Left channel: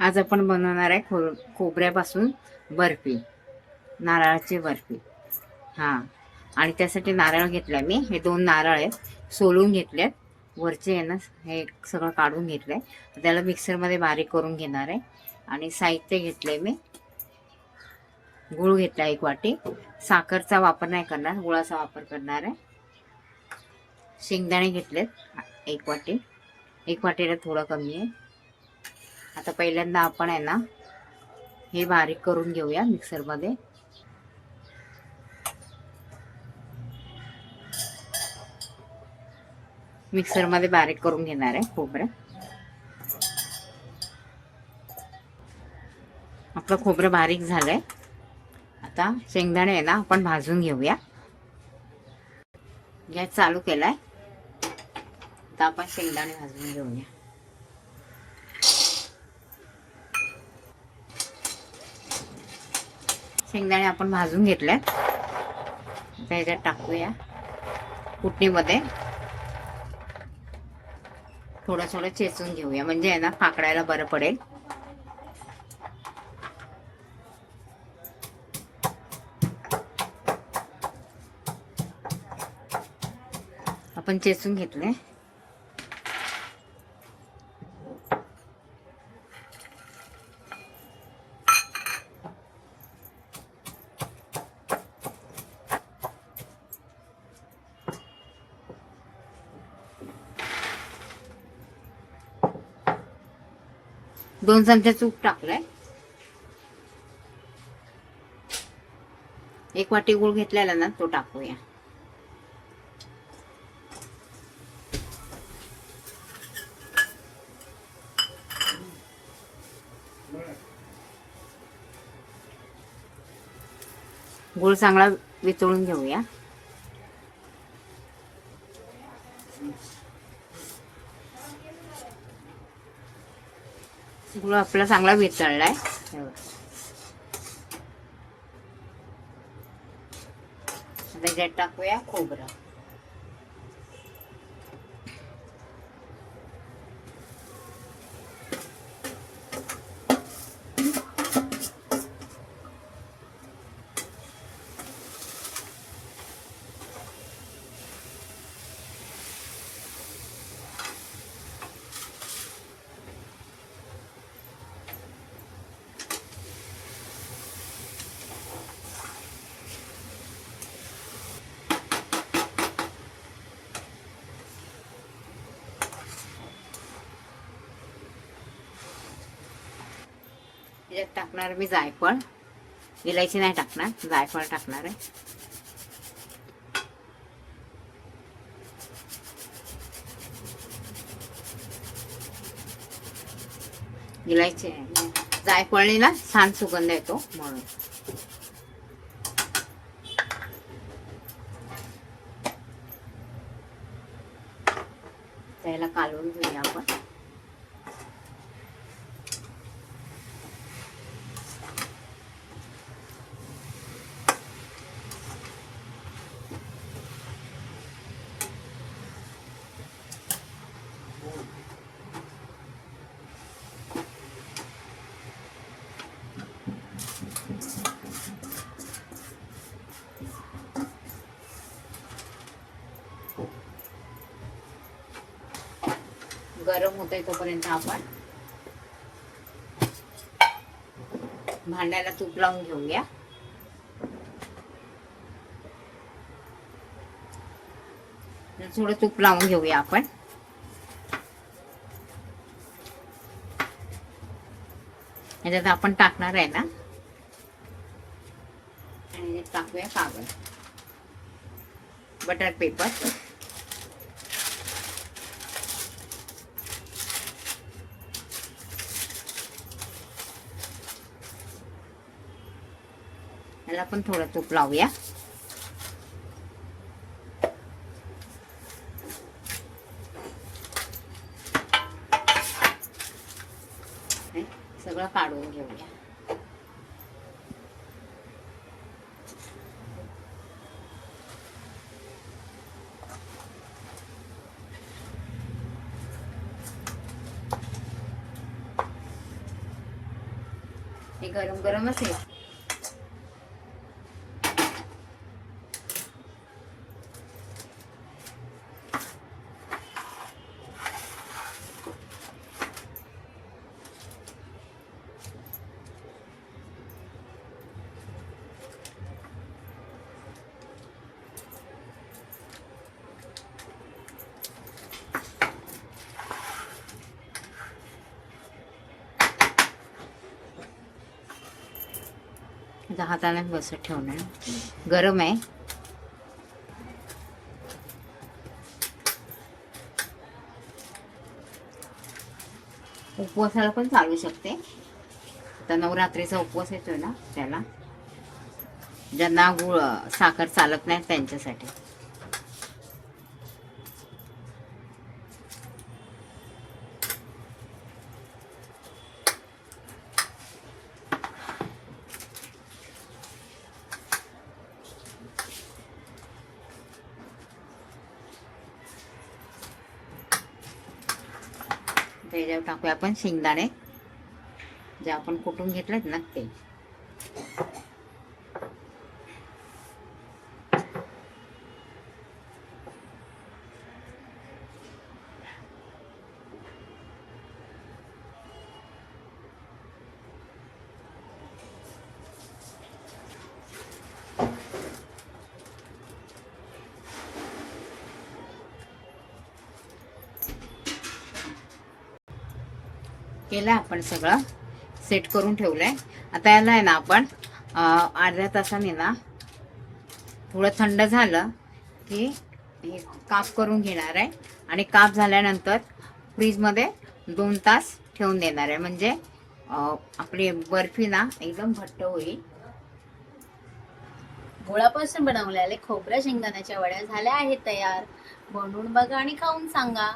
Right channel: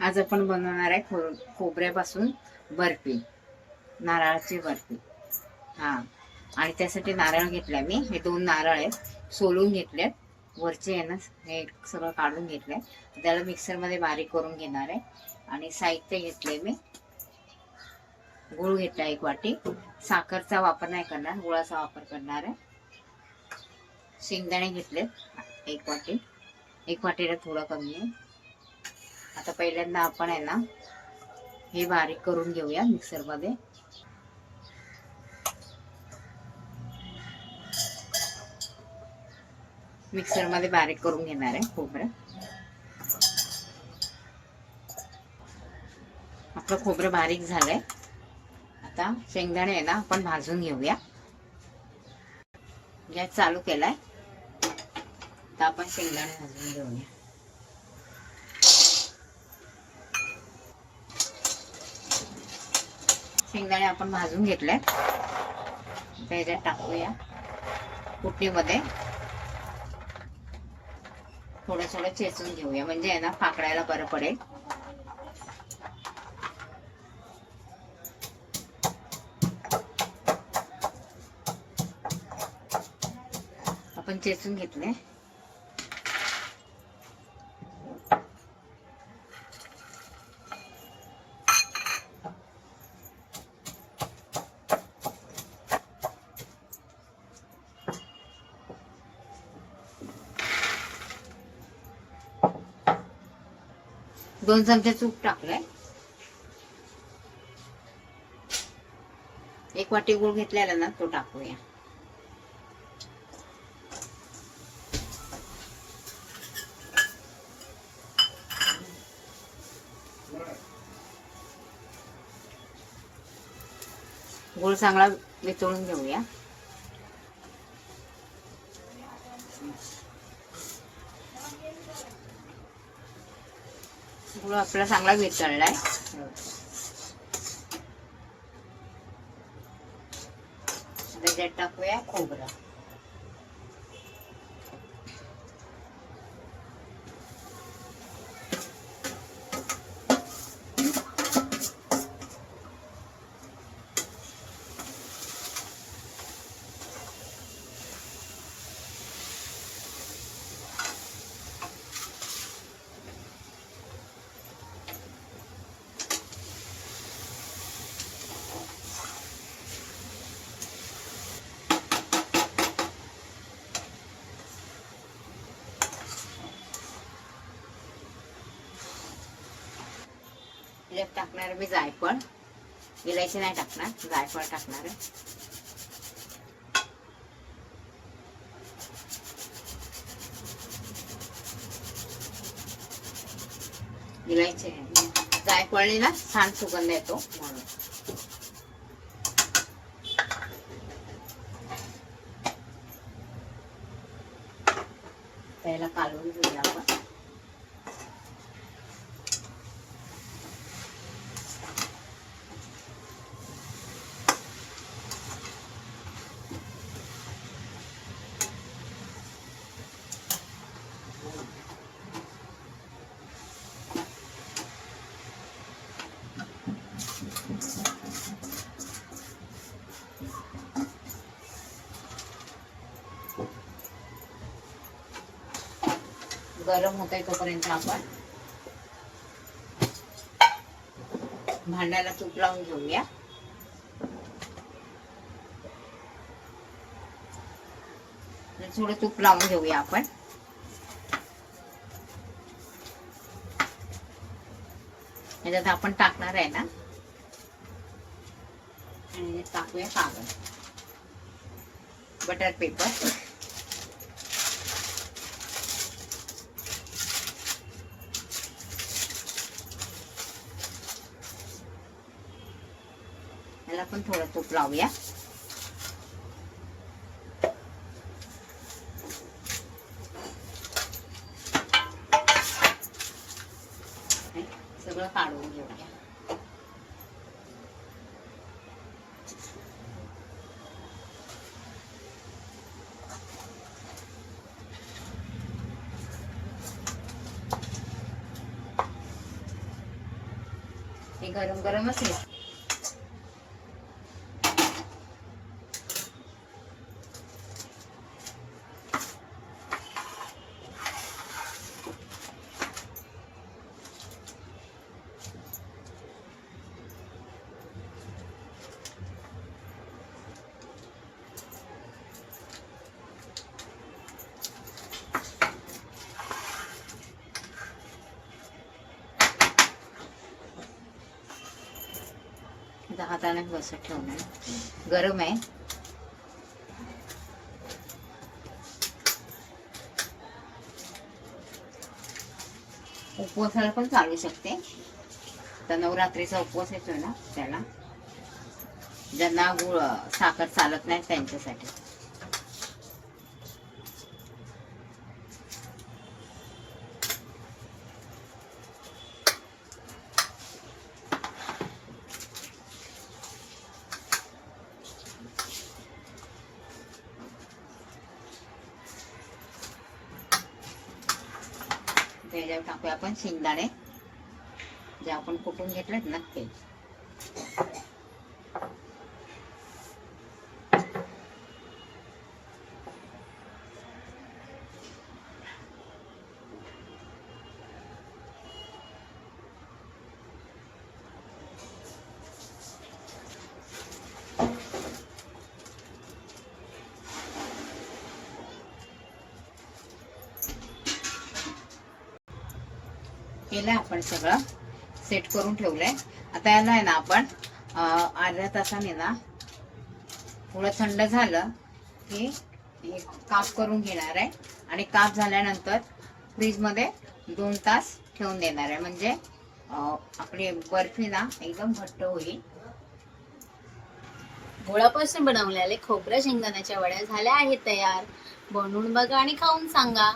आज आपण बनवणार आहे खो खोबऱ्यापासून बर्फी. नारळाची बर्फी. हां. आणि त्यासाठी नारळ घेतला मी. हे दोन नारळ आहेत. सोलून घेतलेत. वरचे आहे ना हे सगळं काढून घेतलं आहे त्याला मिक्सरमध्ये बारीक करून घेणार आहे. आणि साहित्य घेतले मी. गूळ घेतला एक वाटी. साखरचा वापर नाही करणार. गुळाचा वापर करणार आहे. शेंगदाणे घेतलेत. एक वाटी. एक वाटीला थोडं कमी आहे. आता पहिल्यांदा आपण आहे ना हे बारीक करून घेऊया मिक्सरमध्ये. मिक्सरमध्ये बारीक करून घेणार आहे खोबरं. आपलं खोबरं बारीक झालंय. आता शेंगदाणे आहे ना आपण भाजून घेऊया. गॅस चालू केलाय. आता आपण शेंगदाणे भाजून घेऊया. शेंगदाणे आपण भाजून घेतले. आता टाकूया. कुटणीमध्ये थोडं थोडं चेचून घेऊया. म्हणजे आहे ना पाकडायला बरं पडेल. आपण चेचून घेतले. दोन चमचे तूप टाकलाय. एक वाटी गुळ घेतलेला ना तो टाकूया. गुळ चांगला विचळून घेऊया. गुळ आपला चांगला वितळलाय. त्याच्यात टाकूया खोबरं. त्याच्यात टाकणार मी जायफळ. इलायची नाही टाकणार जायफळ टाकणार आहे. इलायची जायफळने ना छान सुगंध येतो म्हणून. त्याला कालवून घेऊया आपण. गरम होतंय तोपर्यंत आपण भांड्याला तूप लावून घेऊया. थोडं तूप लावून घेऊया आपण. याच्यात आपण टाकणार आहे ना? आणि टाकूया कागद. Butter paper. याला पण थोडं तूप लावूया. सगळं काढून घेऊया. हे गरम गरमच आहे. दहा हाताने बसत ठेवणार. गरम आहे. उपवासाला पण चालू शकते. तर नवरात्रीचा उपवास येतोय ना त्याला. ज्यांना गुळ साखर चालत नाही त्यांच्यासाठी. त्याच्यावर टाकूया आपण शेंगदाणे. जे आपण कुटून घेतलेत ना ते. केलं आपण सगळं. सेट करून ठेवलंय. आता याला आहे ना आपण अर्ध्या तासाने ना थोडं थंड झालं की काप करून घेणार आहे. आणि काप झाल्यानंतर फ्रीजमध्ये दोन तास ठेवून देणार आहे. म्हणजे आपली बर्फी ना एकदम घट्ट होईल. गुळापासून बनवलेले खोबऱ्या शेंगदाण्याच्या वड्या झाल्या आहेत तयार. बनवून बघा आणि खाऊन सांगा.